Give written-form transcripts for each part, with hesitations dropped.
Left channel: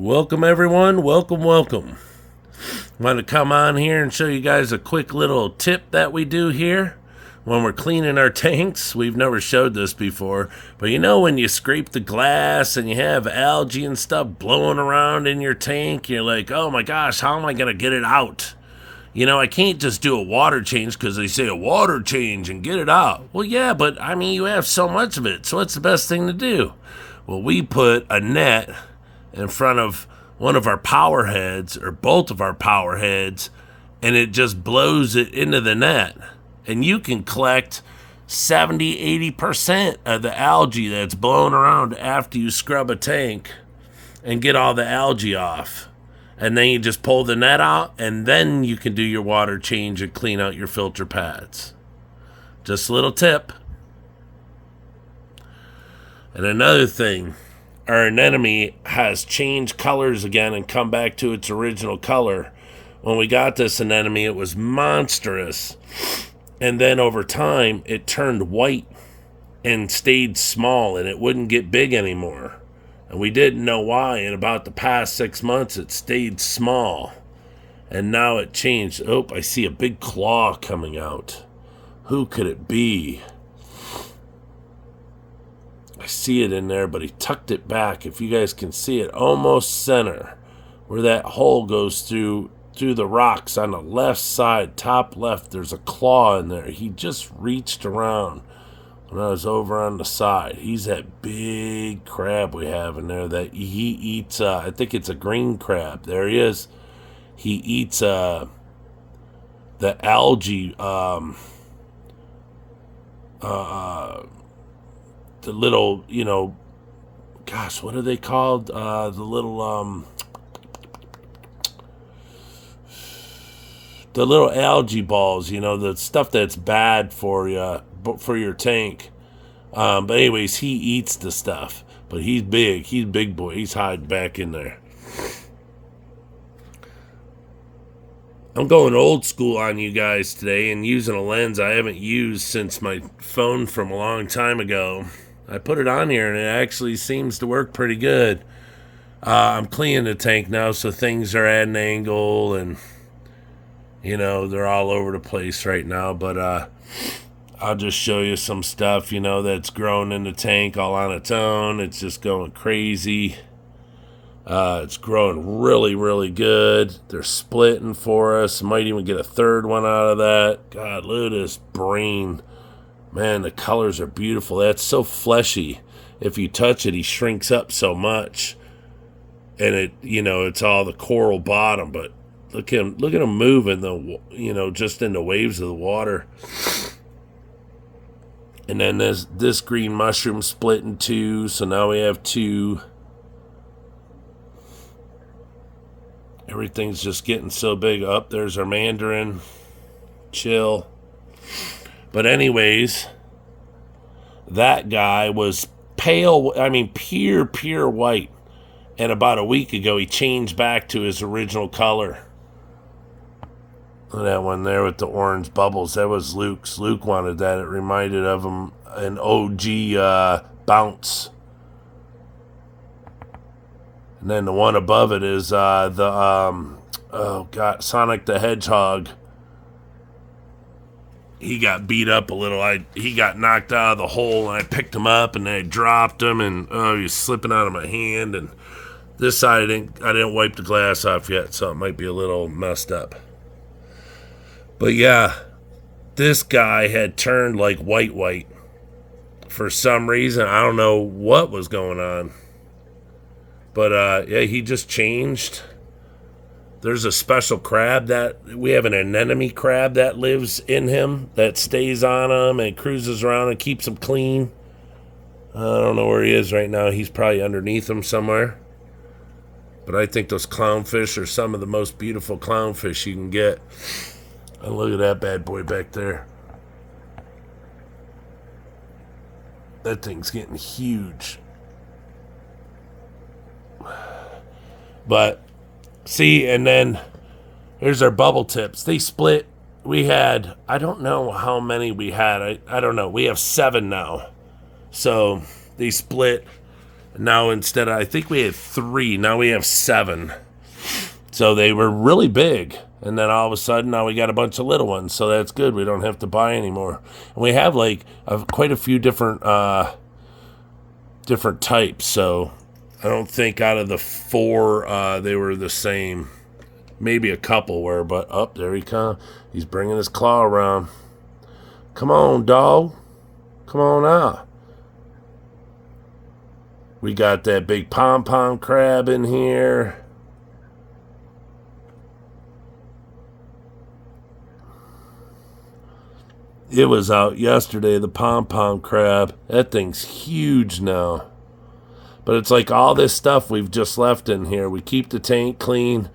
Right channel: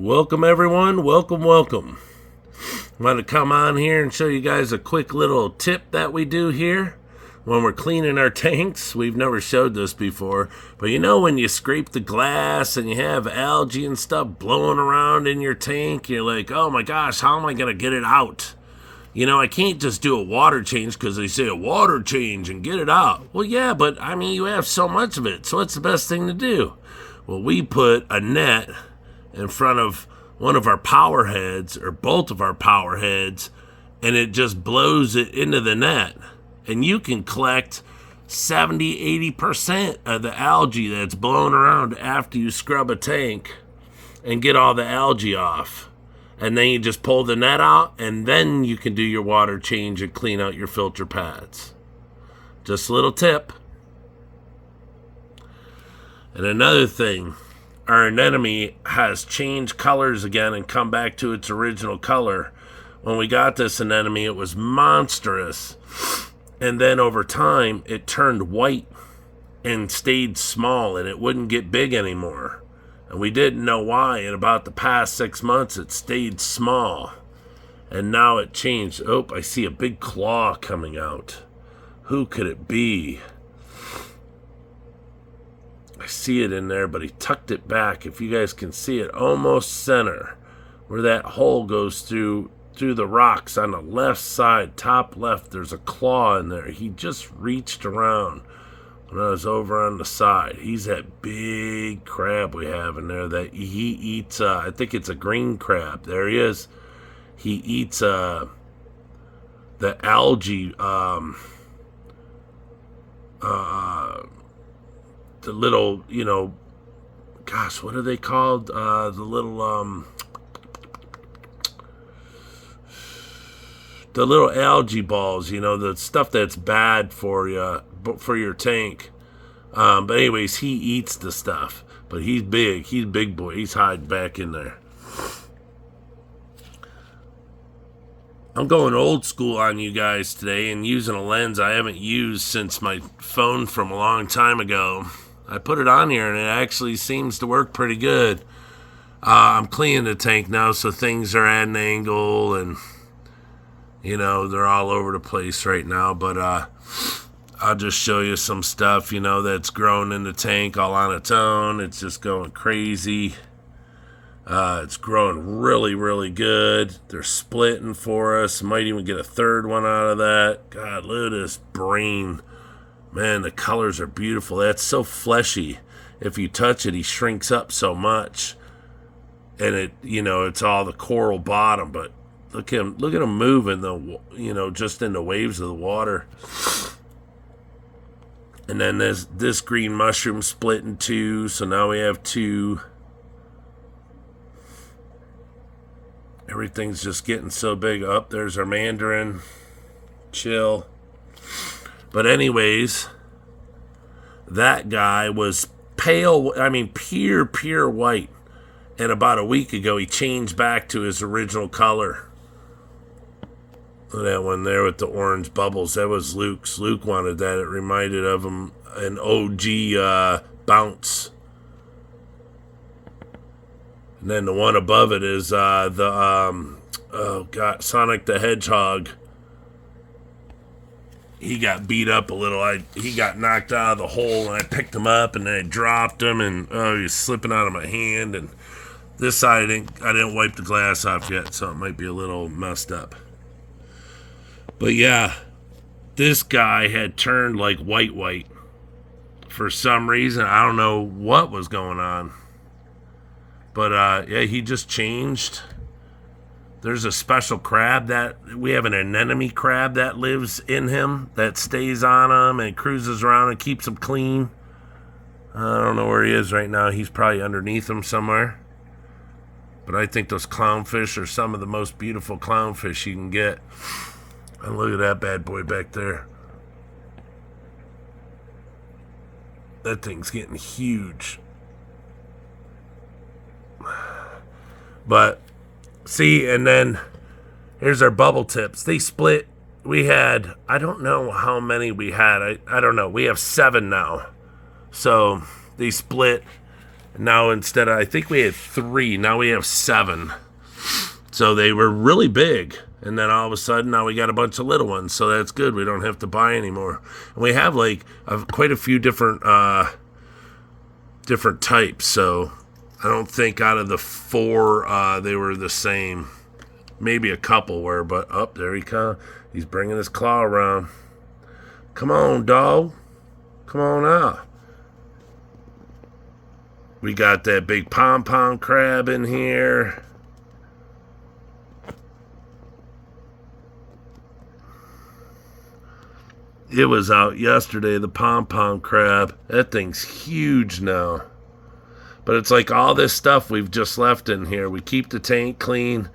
Welcome everyone, welcome. I'm going to come on here and show you guys a quick little tip that we do here when we're cleaning our tanks. We've never showed this before, but you know when you scrape the glass and you have algae and stuff blowing around in your tank, you're like, oh my gosh, how am I going to get it out? You know, I can't just do a water change because they say a water change and get it out. Well, yeah, but I mean, you have so much of it, so what's the best thing to do? Well, we put a net in front of one of our power heads or both of our power heads, and it just blows it into the net. And you can collect 70-80% of the algae that's blown around after you scrub a tank and get all the algae off. And then you just pull the net out, and then you can do your water change and clean out your filter pads. Just a little tip. And another thing, our anemone has changed colors again and come back to its original color. When we got this anemone, it was monstrous. And then over time, it turned white and stayed small, and it wouldn't get big anymore. And we didn't know why. In about the past 6 months, it stayed small. And now it changed. Oh, I see a big claw coming out. Who could it be? I see it in there, but he tucked it back. If you guys can see it, almost center, where that hole goes through the rocks on the left side, top left, there's a claw in there. He just reached around when I was over on the side. He's that big crab we have in there that he eats, I think it's a green crab. There he is. He eats the algae, the little, you know, gosh, what are they called? The little algae balls, you know, the stuff that's bad for you, for your tank. But anyways, he eats the stuff. But he's big. He's a big boy. He's hiding back in there. I'm going old school on you guys today and using a lens I haven't used since my phone from a long time ago. I put it on here and it actually seems to work pretty good. I'm cleaning the tank now, so things are at an angle and, you know, they're all over the place right now. But I'll just show you some stuff, you know, that's grown in the tank all on its own. It's just going crazy. It's growing really, really good. They're splitting for us. Might even get a third one out of that. God, look at this brain. Man, the colors are beautiful. That's so fleshy. If you touch it, he shrinks up so much. And it, you know, it's all the coral bottom, but look at him moving, you know, just in the waves of the water. And then this green mushroom split in two, so now we have two. Everything's just getting so big. Up there's our mandarin. Chill. But anyways, that guy was pale, I mean pure white. And about a week ago, he changed back to his original color. That one there with the orange bubbles, that was Luke's. Luke wanted that. It reminded of him an OG bounce. And then the one above it is Sonic the Hedgehog. He got beat up a little. He got knocked out of the hole, and I picked him up, and I dropped him, and he was slipping out of my hand. And this side, I didn't wipe the glass off yet, so it might be a little messed up. But yeah, this guy had turned like white for some reason. I don't know what was going on. But yeah, he just changed. There's a special crab that we have, an anemone crab that lives in him, that stays on him and cruises around and keeps him clean. I don't know where he is right now. He's probably underneath him somewhere. But I think those clownfish are some of the most beautiful clownfish you can get. And look at that bad boy back there. That thing's getting huge. But see, and then here's our bubble tips. They split. We had, I don't know how many we had. I don't know. We have 7 now. So they split Now instead of, I think we had 3, now we have 7. So they were really big. And then all of a sudden now we got a bunch of little ones. So that's good. We don't have to buy anymore. And we have like quite a few different different types. So I don't think out of the 4 they were the same. Maybe a couple were, but up there he comes. He's bringing his claw around. Come on, dog. Come on out. We got that big pom-pom crab in here. It was out yesterday, the pom-pom crab. That thing's huge now. But it's like all this stuff we've just left in here. We keep the tank clean.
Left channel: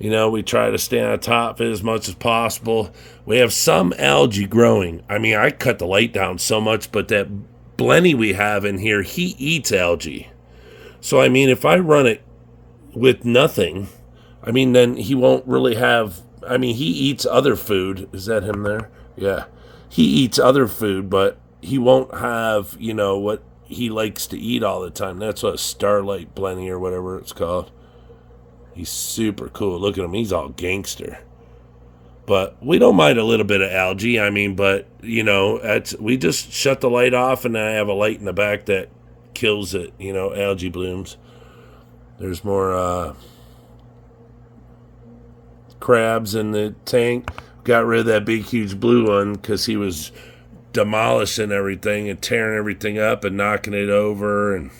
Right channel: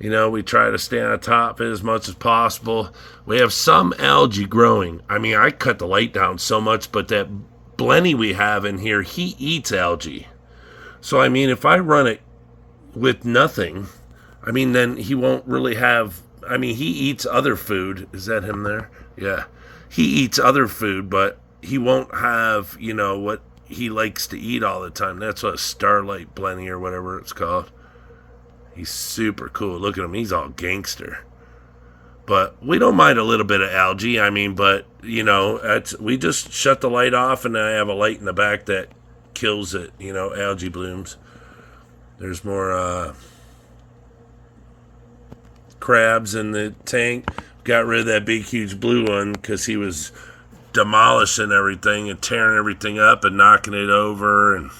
You know, we try to stay on top of it as much as possible. We have some algae growing. I mean, I cut the light down so much, but that Blenny we have in here, he eats algae. So, I mean, if I run it with nothing, I mean, then he won't really have... I mean, he eats other food. Is that him there? Yeah. He eats other food, but he won't have, you know, what he likes to eat all the time. That's what Starlight Blenny or whatever it's called. He's super cool. Look at him. He's all gangster. But we don't mind a little bit of algae. I mean, but, you know, we just shut the light off, and then I have a light in the back that kills it, you know, algae blooms. There's more crabs in the tank. Got rid of that big, huge blue one because he was demolishing everything and tearing everything up and knocking it over. And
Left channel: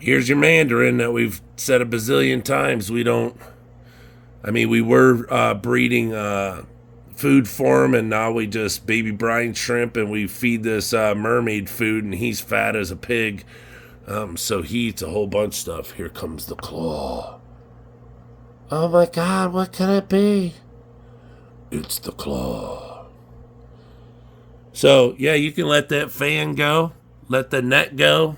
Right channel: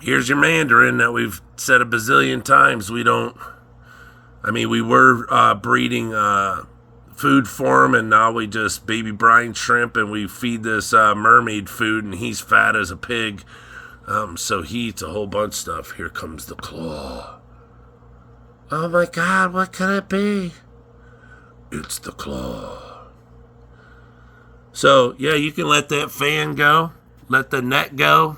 here's your mandarin that we've said a bazillion times. We don't... I mean, we were breeding food for him, and now we just baby brine shrimp, and we feed this mermaid food, and he's fat as a pig. So he eats a whole bunch of stuff. Here comes the claw. Oh my God, what can it be? It's the claw. So, yeah, you can let that fan go, let the net go,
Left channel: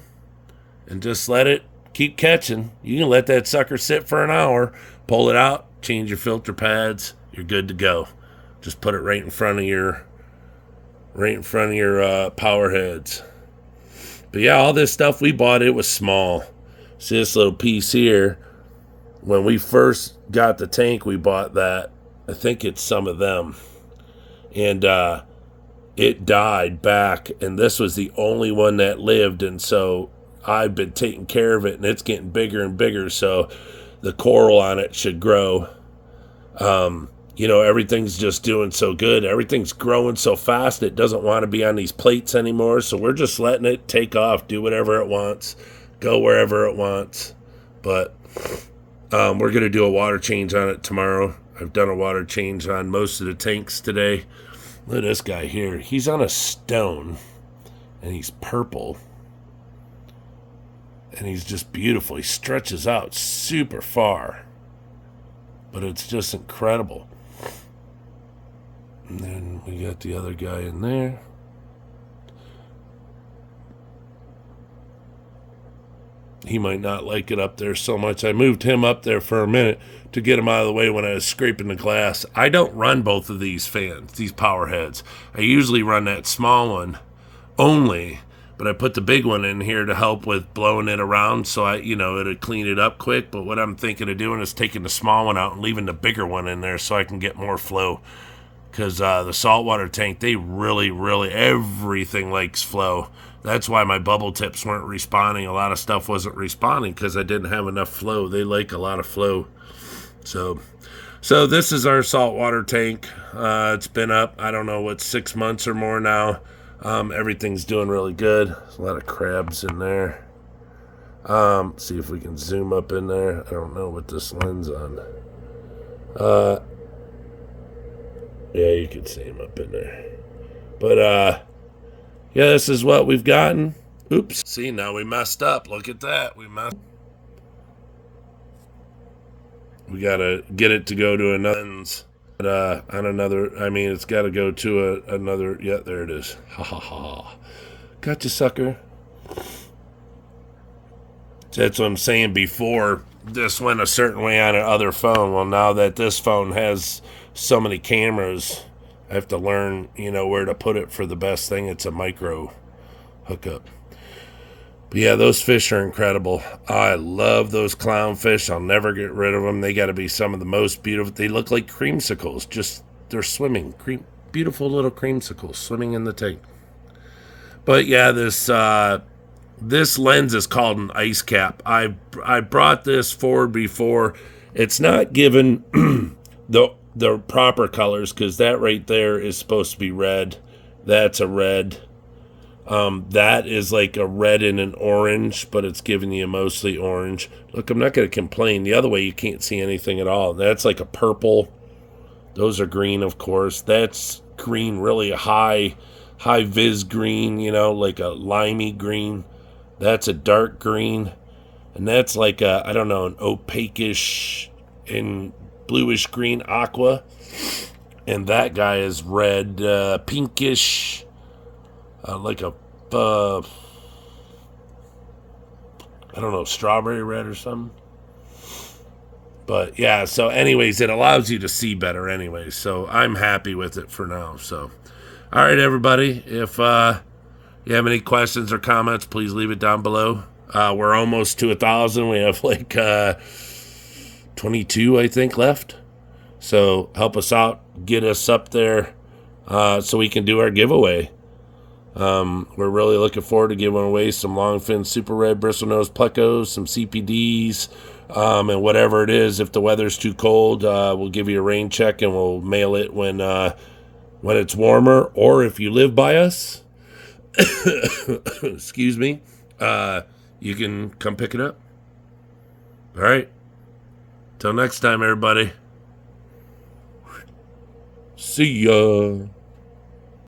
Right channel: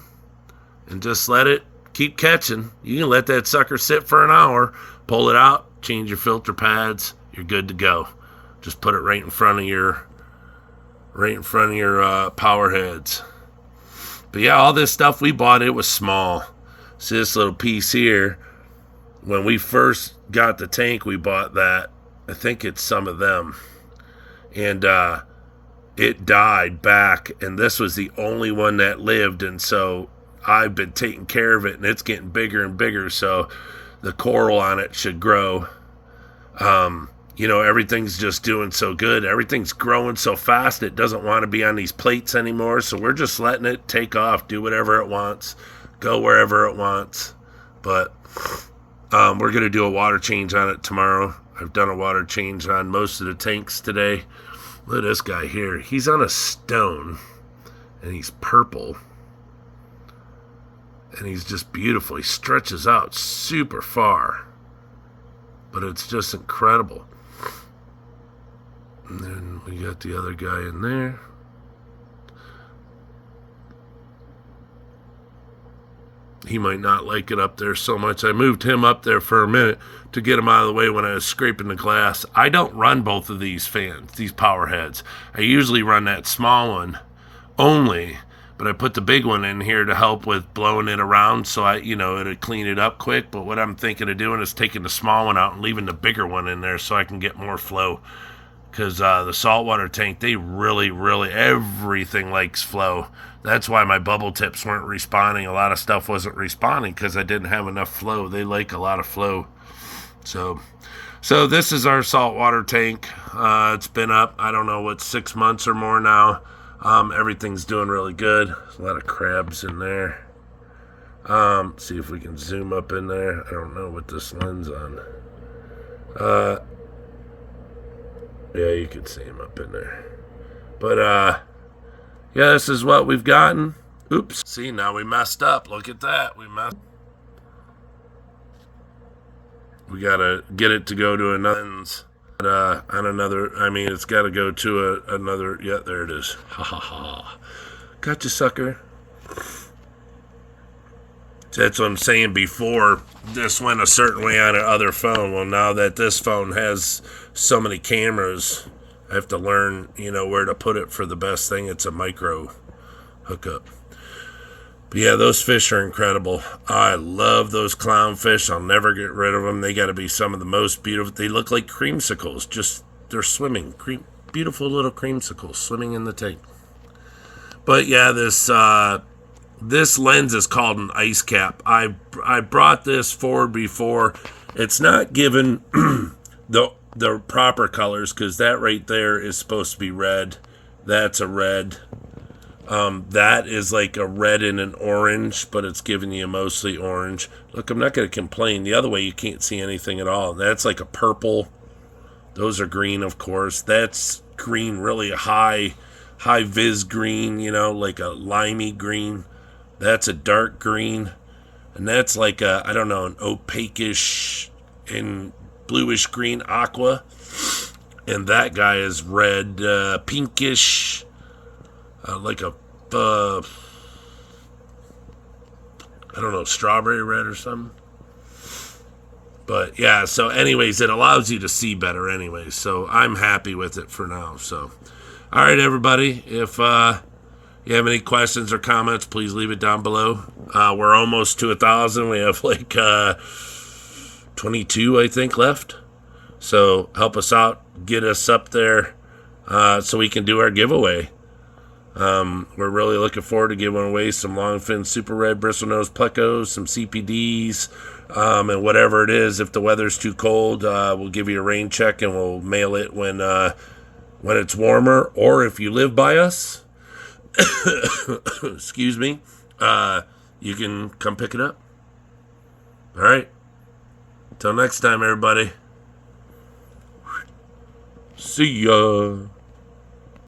and just let it keep catching. You can let that sucker sit for an hour, pull it out, change your filter pads, you're good to go. Just put it right in front of your power heads. But yeah, all this stuff we bought, it was small. See this little piece here? When we first got the tank, we bought that. I think it's some of them. And it died back, and this was the only one that lived, and so I've been taking care of it, and it's getting bigger and bigger, so the coral on it should grow. You know, everything's just doing so good. Everything's growing so fast, it doesn't want to be on these plates anymore, so we're just letting it take off, do whatever it wants, go wherever it wants. But we're going to do a water change on it tomorrow. I've done a water change on most of the tanks today. Look at this guy here. He's on a stone, and he's purple. And he's just beautiful. He stretches out super far. But it's just incredible. And then we got the other guy in there. He might not like it up there so much. I moved him up there for a minute to get him out of the way when I was scraping the glass. I don't run both of these fans, these power heads. I usually run that small one only, but I put the big one in here to help with blowing it around so it'll clean it up quick. But what I'm thinking of doing is taking the small one out and leaving the bigger one in there so I can get more flow. Because the saltwater tank, they really, everything likes flow. That's why my bubble tips weren't responding. A lot of stuff wasn't responding because I didn't have enough flow. They like a lot of flow. So this is our saltwater tank. It's been up, I don't know, 6 months or more now. Everything's doing really good. There's a lot of crabs in there. See if we can zoom up in there. I don't know what this lens on. Yeah, you can see him up in there. But, yeah, this is what we've gotten. Oops. See, now we messed up. Look at that. We gotta get it to go to another lens. On another, it's gotta go to another, yeah, there it is. Ha ha ha. Gotcha, sucker. That's what I'm saying. Before, this went a certain way on another phone. Well, now that this phone has so many cameras, I have to learn, where to put it for the best thing. It's a micro hookup. But yeah, those fish are incredible. I love those clownfish. I'll never get rid of them. They got to be some of the most beautiful. They look like creamsicles. Just they're swimming. Beautiful little creamsicles swimming in the tank. But yeah, this lens is called an ice cap. I brought this forward before. It's not given the proper colors because that right there is supposed to be red. That's a red. That is like a red and an orange, but it's giving you mostly orange. Look, I'm not going to complain. The other way, you can't see anything at all. That's like a purple. Those are green, of course. That's green, really a high vis green, you know, like a limey green. That's a dark green. And that's like a, I don't know, an opaque-ish and bluish green aqua. And that guy is red, pinkish, like a, I don't know, strawberry red or something. But yeah, so anyways, it allows you to see better anyways. So I'm happy with it for now. So, all right, everybody. If you have any questions or comments, please leave it down below. We're almost to 1,000. We have like 22, I think, left. So help us out, get us up there so we can do our giveaway. We're really looking forward to giving away some longfin super red bristlenose plecos, some CPDs, and whatever it is. If the weather's too cold, we'll give you a rain check and we'll mail it when it's warmer. Or if you live by us, excuse me, you can come pick it up. All right. Till next time, everybody. See ya.